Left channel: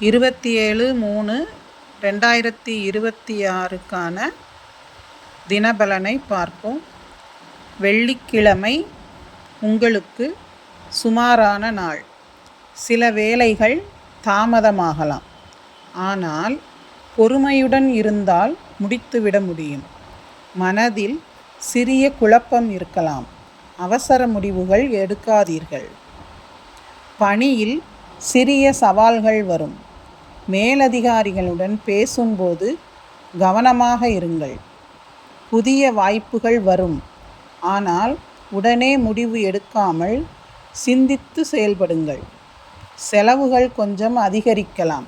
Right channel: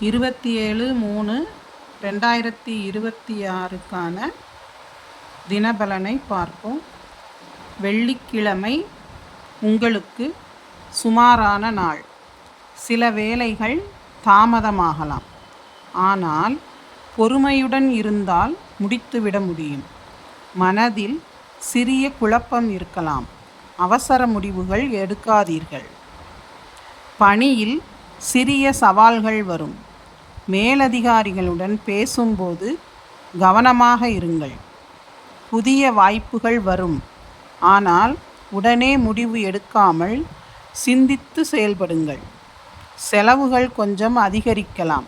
27/3/2026க்கான தினபலனை பார்ப்போம். வெள்ளிக்கிழமை உங்களுக்கு சுமாரான நாள். சில வேலைகள் தாமதமாகலாம், ஆனால் பொறுமையுடன் இருந்தால் முடித்துவிட முடியும். மனதில் சிறிய குழப்பம் இருக்கலாம், அவசர முடிவுகள் எடுக்காதீர்கள். பணியில் சிறிய சவால்கள் வரும். மேலதிகாரிகளுடன் பேசும்போது கவனமாக இருங்கள். புதிய வாய்ப்புகள் வரும், ஆனால் உடனே முடிவு எடுக்காமல் சிந்தித்து செயல்படுங்கள். செலவுகள் கொஞ்சம் அதிகரிக்கலாம்.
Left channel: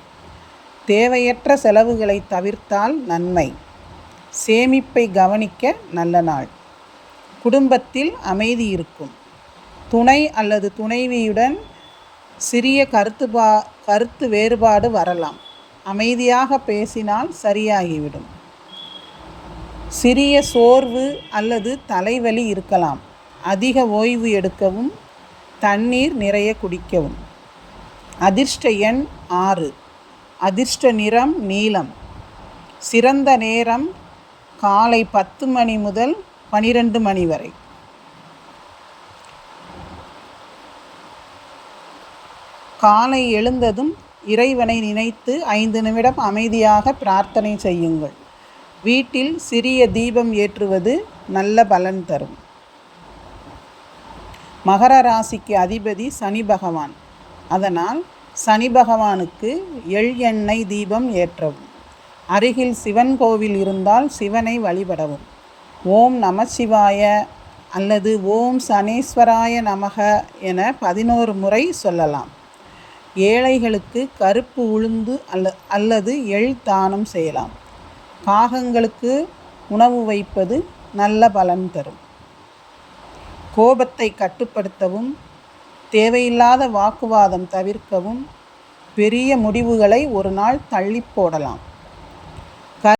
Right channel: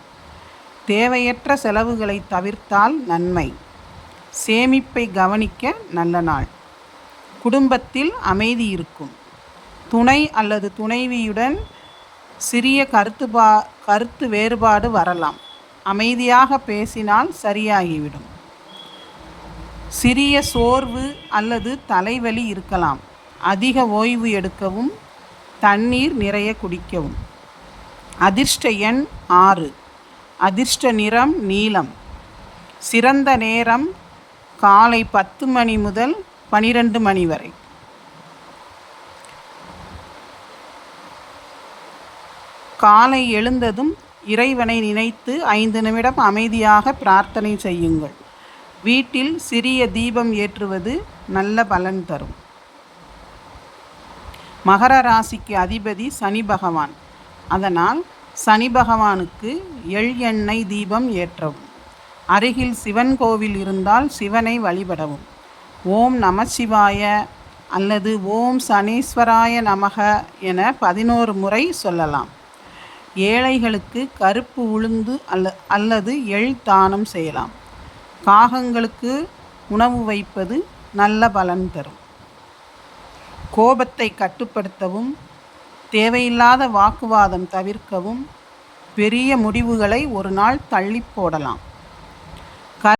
தேவையற்ற செலவுகளை தவிர்த்தால் நன்மை. சேமிப்பை கவனிக்க நல்ல நாள். குடும்பத்தில் அமைதி இருக்கும். துணை அல்லது துணைவியுடன் சிறிய கருத்து வேறுபாடு வரலாம். அமைதியாக பேசினால் சரியாகிவிடும். சிறிய சோர்வு அல்லது தலைவலி இருக்கலாம். அதிக ஓய்வு எடுக்கவும், தண்ணீர் நிறைய குடிக்கவும். அதிர்ஷ்ட எண் 6. அதிர்ஷ்ட நிறம் நீலம். சிறந்த நேரம் காலை 10 மணி முதல் 12 மணி வரை. காலை எழுந்ததும் இறைவனை நினைத்து 5 நிமிடம் அமைதியாக பிரார்த்தனை செய்யுங்கள். வீட்டில் சிறிய தீபம் ஏற்றுவது நல்ல பலன் தரும். மகர ராசிக்கு அதிபதி சனி பகவான். அதனால் சனி பகவானுக்கு எள்ளெண்ணெய் தீபம் ஏற்றவும். அருகில் சிவன் கோவில் இருந்தால் சிவனை வழிபடவும். ஓம் நமசிவாய அல்லது ஓம் சனீஸ்வராய நமக என 11 முறை சொல்லலாம். ஏழைகளுக்கு கருப்பு உளுந்து அல்லது எள் தானம் செய்யலாம். காகங்களுக்கு உணவு வைப்பது நல்ல பலன் தரும். கோபத்தை கட்டுப்படுத்தவும், தேவையில்லாத வாக்குவாதம் தவிர்க்கவும், பெரிய முடிவுகளை ஒரு நாள் தள்ளி போடலாம்.